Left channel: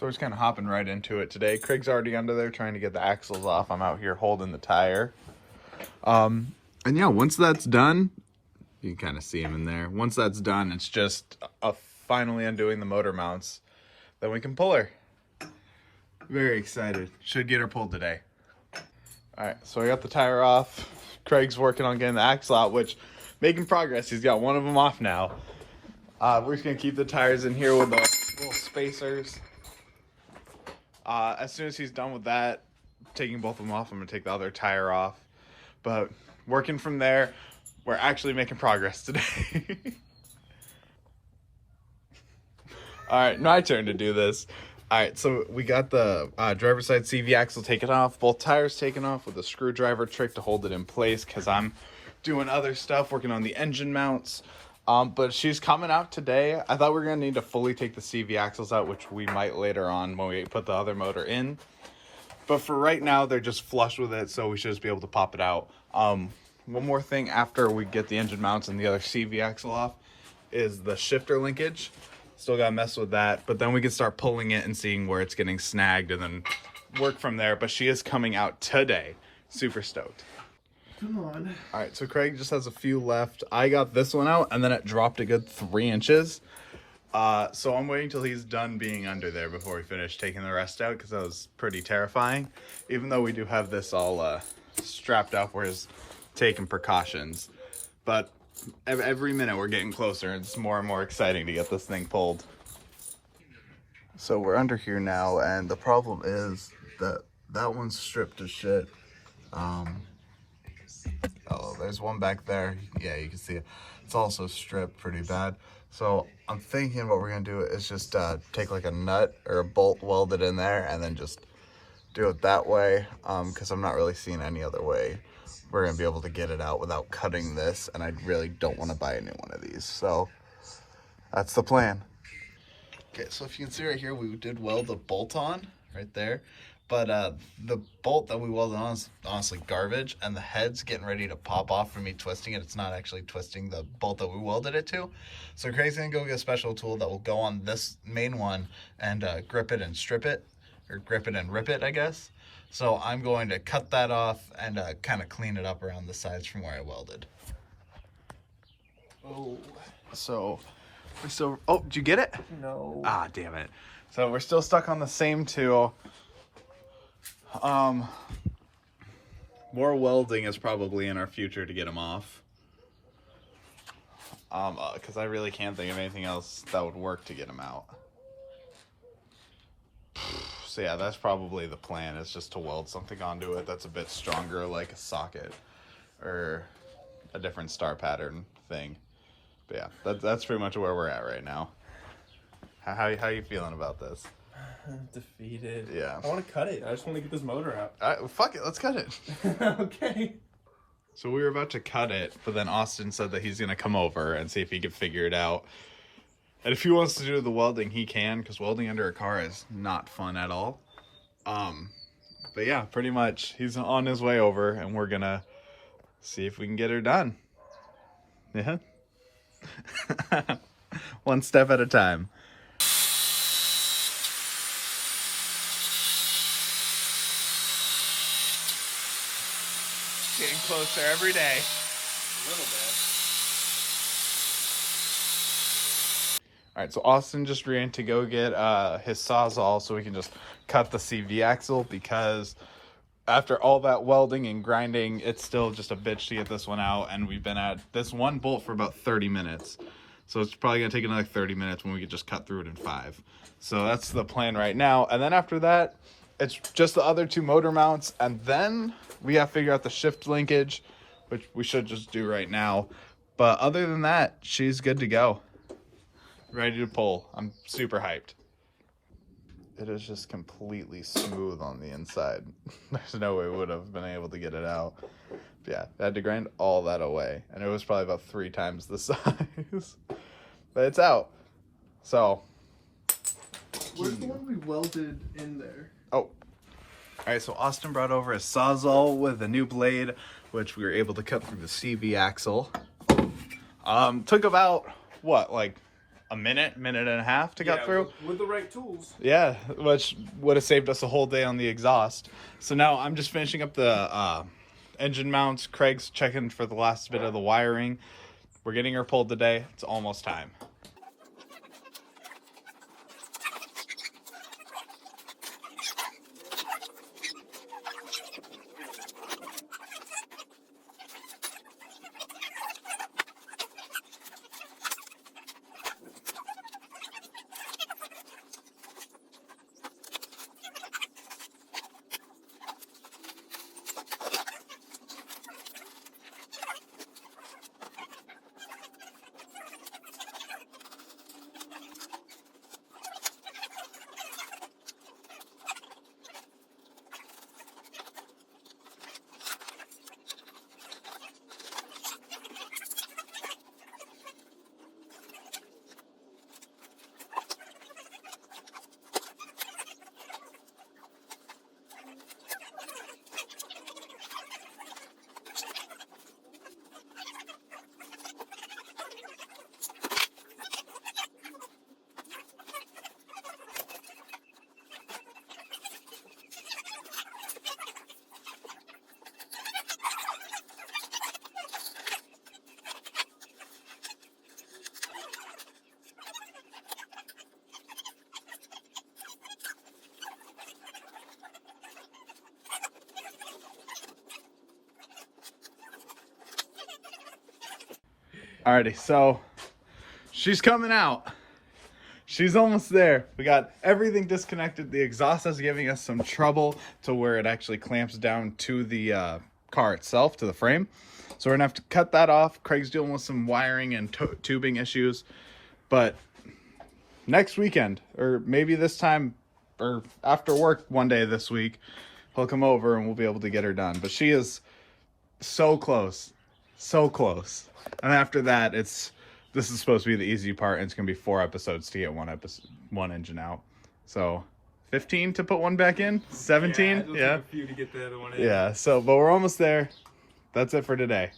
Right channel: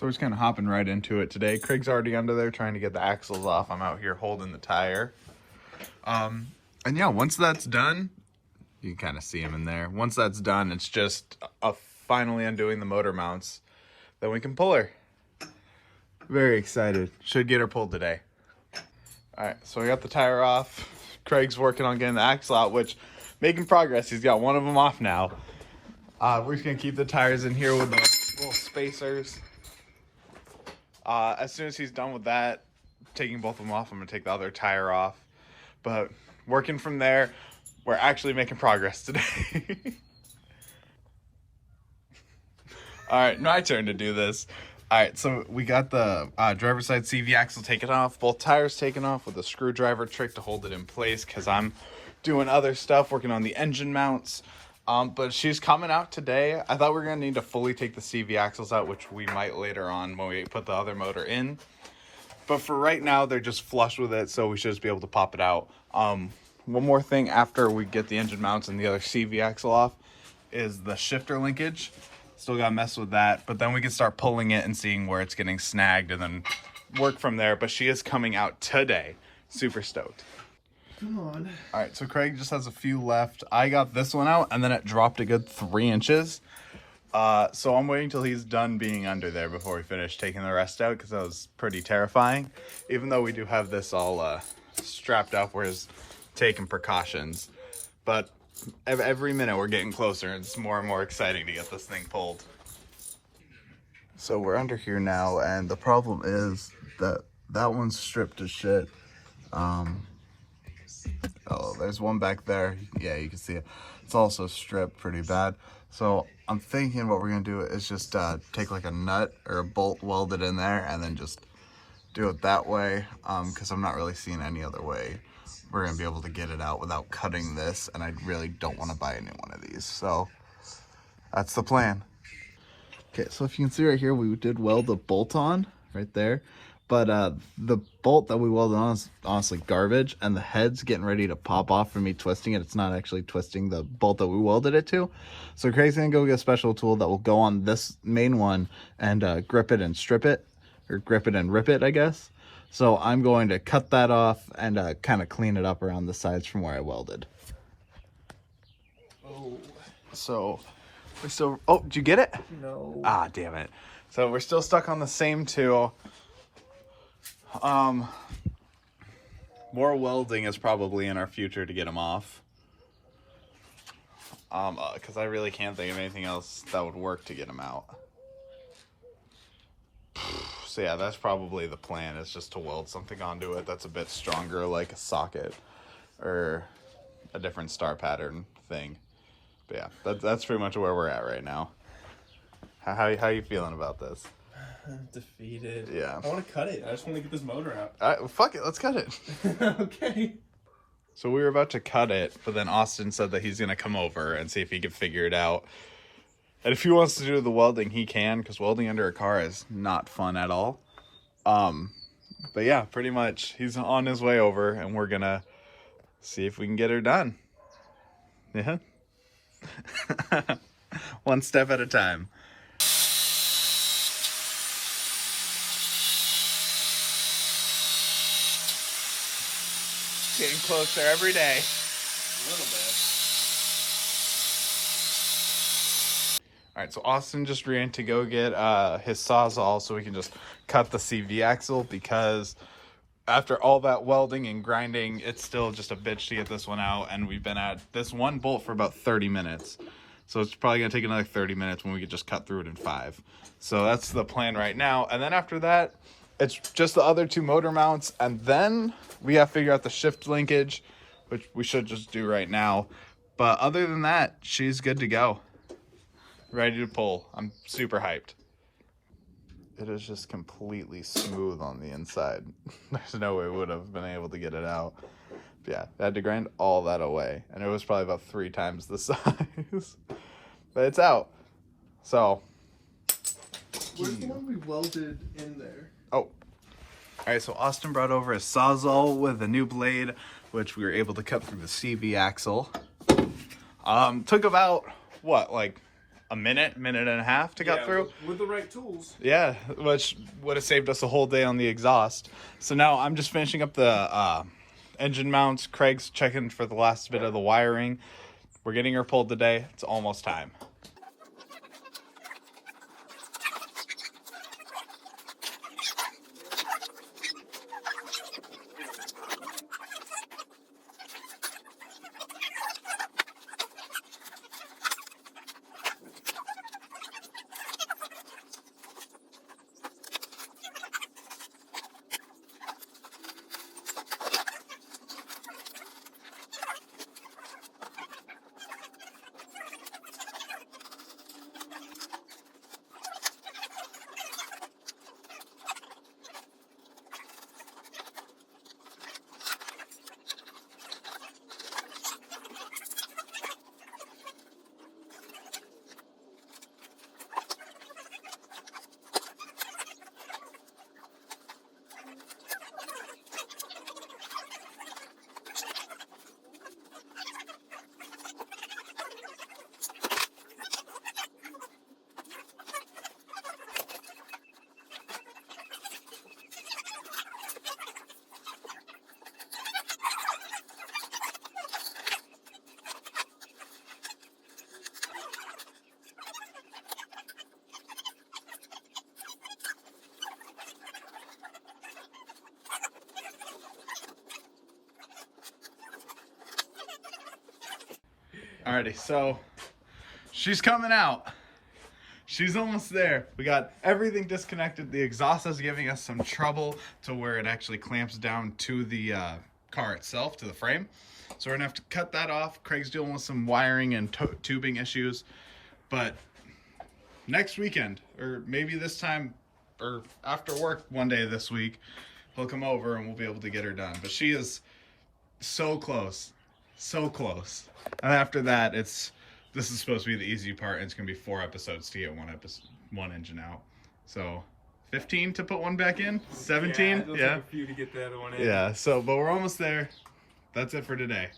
So we're just kind of hopping right into it today. Craig's already under there trying to get the axles off. I'm out here holding the tire. And yeah, once that's done, you can kind of see him in there. Once that's done, it's just finally undoing the motor mounts. Then we can pull her. Very excited. Should get her pulled today. All right, so we got the tire off. Craig's working on getting the axle out, which making progress. He's got one of them off now. We're just gonna keep the tires in here with the little spacers. As soon as he's done with that, taking both of them off, I'm gonna take the other tire off. But working from there, we're actually making progress today. All right, my turn to do this. All right, so we got the driver's side CV axle taken off, both tires taken off with a screwdriver trick to hold it in place because I'm doing other stuff, working on the engine mounts. But she's coming out today. I thought we were going to need to fully take the CV axles out, which we might later on when we put the other motor in. But for right now, they're just flush with it, so we should just be able to pop it out. One more thing after we get the engine mounts and the other CV axle off is the shifter linkage. Still got to mess with that, but then we can start pulling it and seeing where it's getting snagged and then work from there. But she is coming out today. Super stoked. Come on. All right, so Craig just has a few left. I got this one out, and then it dropped a good 3 inches. So I'm waiting till he's done being under there before we finish taking the rest out, because that was pretty terrifying. Even though we do have this all strapped up, we're just taking precautions. But every minute we're getting closer. It's more and more exciting to get this thing pulled. So we're under here now, and the problem is that that one's stripped to shit. Oh, there's one back there. Yeah, you can see it. It's also stripped pretty bad. So I'm thinking what we're gonna do is just take like a nut or a bolt, weld it in there, and then just do it that way. Because I'm not really seeing any other way we're gonna be able to get it out without cutting this, and I really don't want to buy a new one of these. So that's the plan. Okay, so if you can see right here, we did weld the bolt on right there. But the bolt that we welded on is honestly garbage, and the head's getting ready to pop off from me twisting it. It's not actually twisting the bolt that we welded it to. So Craig's gonna go get a special tool that will go on this main one and grip it and strip it, or grip it and rip it, I guess. So I'm going to cut that off and kind of clean it up around the sides from where I welded. Oh. So we're still, oh, did you get it? No. Ah, damn it. So we're still stuck on the same tool. More welding is probably in our future to get them off. Because I really can't think of anything else that would work to get them out. So yeah, that's probably the plan, is just to weld something onto it that's a bit stronger, like a socket or a different star pattern thing. But yeah, that's pretty much where we're at right now. How you feeling about this? I'm defeated. Yeah. I want to cut it. I just want to get this motor out. Fuck it, let's cut it. Okay. So we were about to cut it, but then Austin said that he's going to come over and see if he can figure it out. And if he wants to do the welding, he can, because welding under a car is not fun at all. But yeah, pretty much he's on his way over, and we're going to see if we can get her done. Yeah. One step at a time. Getting closer every day. A little bit. All right, so Austin just ran to go get his Sawzall so we can just cut the CV axle, because after all that welding and grinding, it's still just a bitch to get this one out, and we've been at this one bolt for about 30 minutes. So it's probably going to take another 30 minutes when we could just cut through it in 5. So that's the plan right now. And then after that, it's just the other 2 motor mounts, and then we have to figure out the shift linkage, which we should just do right now. But other than that, she's good to go. Ready to pull. I'm super hyped. It is just completely smooth on the inside. There's no way we would have been able to get it out. But yeah, I had to grind all that away, and it was probably about 3 times the size. But it's out. So. Where's the one we welded in there? Oh. All right, so Austin brought over a Sawzall with a new blade, which we were able to cut through the CV axle. Took about, what, like a minute and a half to cut through. With the right tools. Yeah, which would have saved us a whole day on the exhaust. So now I'm just finishing up the engine mounts. Craig's checking for the last bit of the wiring. We're getting her pulled today. It's almost time. Alrighty, so she's coming out. She's almost there. We got everything disconnected. The exhaust is giving us some trouble to where it actually clamps down to the car itself, to the frame. So we're gonna have to cut that off. Craig's dealing with some wiring and tubing issues. But next weekend, or maybe this time, or after work one day this week, he'll come over and we'll be able to get her done. But she is so close. So close. And after that, this is supposed to be the easy part, and it's gonna be 4 episodes to get one engine out. So 15 to put one back in, 17. Yeah, it'll take a few to get the other one in. Yeah. So, but we're almost there. That's it for today.